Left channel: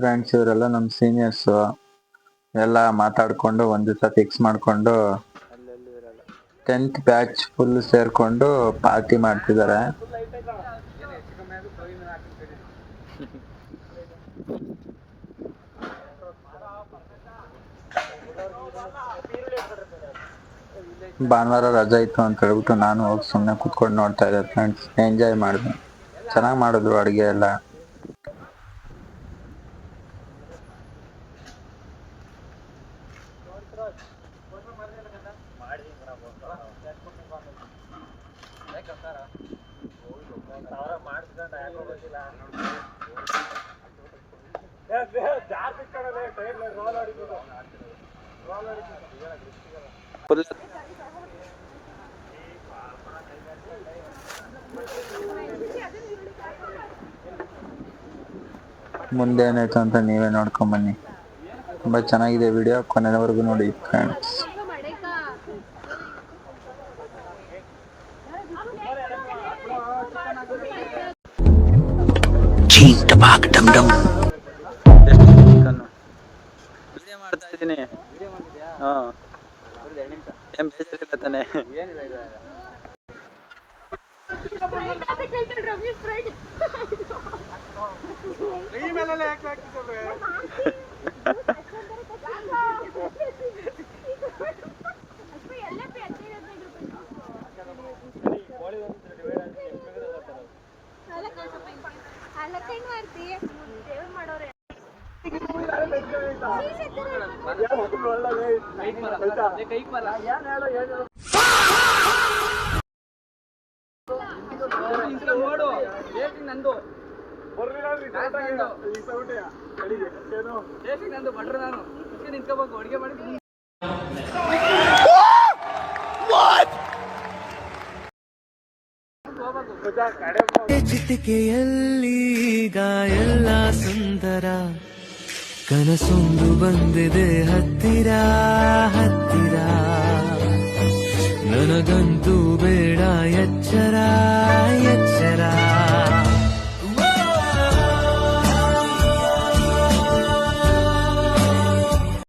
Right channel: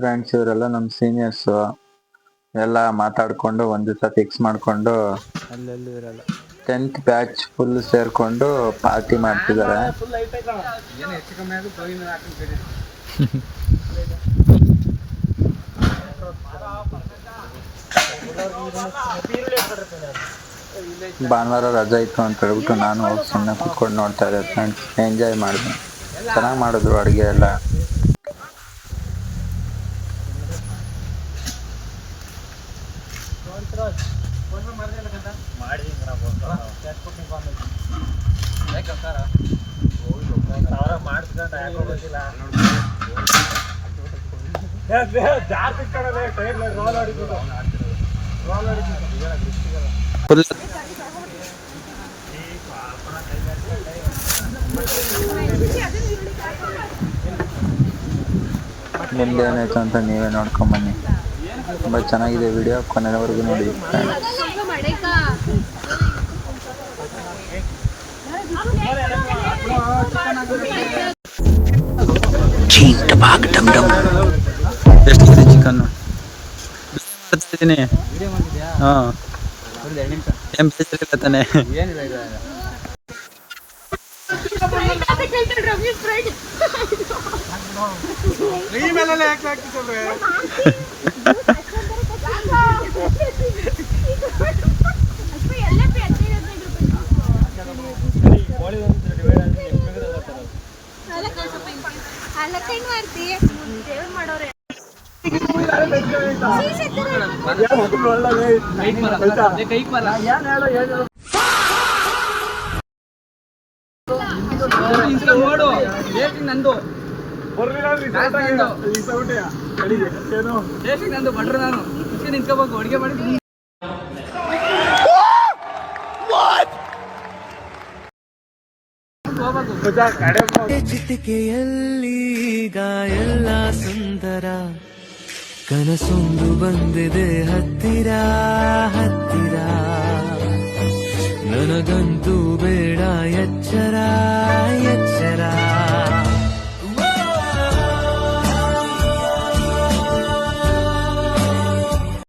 Friends ಇವರೆಲ್ಲ ನಮ್ಮ seniors ಎಲ್ಲ ಮಾತಾಡ್ಕೊಂಡು ಒಂದ್ ದಿವಸ ಫಿಕ್ಸ್ ಮಾಡ್ಕೊಂಡು ಅಲ್ಲೆಲ್ಲೂ ಇರಲ್ಲ 10th ಬ್ಯಾಚ್ ಫುಲ್ ಸೇರ್ಕೊಂಡು ಪಾರ್ಟಿ ಮಾಡ್ತಿದ್ದಾರೆ. ಭಾನುವಾರ ರಜಾ ಇತ್ತು ಅಂತ ಹೇಳ್ಬಿಟ್ಟು ನಾನು ಹೋಗಿ ಸುಮ್ಮನೆ ಕುತ್ಕೊಂಡು ನೋಡ್ತಾ ಇದ್ದೆ ಫ್ರೆಂಡ್ಸ್. ಎಂಜಾಯ್ ಮಾಡಿದೆ, ಚೆನ್ನಾಗಿ ಮಾಡಿದ್ರು ಅಡುಗೆ ಎಲ್ಲ. ಮುಂದೆ ಏನಾಯ್ತು ಅಂತ ನೀವೇ ನೋಡ್ಕೊಂಡ್ ಬನ್ನಿ. ತುಂಬಾ ಚೆನ್ನಾಗಿದೆ ವಿಡಿಯೋ, ಕೊನೆಯವರೆಗೂ ನೋಡಿ ಫ್ರೆಂಡ್ಸ್. ಚಿಕನ್ ಮಾಡ್ತಾ ಇದ್ದೀನಿ. ಹಾಂ ಏನ್ ಬೇಜಾರಿಲ್ಲ ತಾನೆ? ನಂದು ಬಟ್ರ ನಾನು ನಿಂತ್ಕೋಬೇಕು ಅಡುಗೆ ಮಾಡಿ. ಚಿಟಿಕೆಯಲ್ಲೀಗ ಎಲ್ಲ ಸುಂದರ, ಕನಸೊಂದು ಬಂದಿದೆ ಹತ್ತಿರ ಹತ್ತಿರ. ನನಗಂತೂ ಬೇಡ ಎಚ್ಚರ ಎಚ್ಚರ.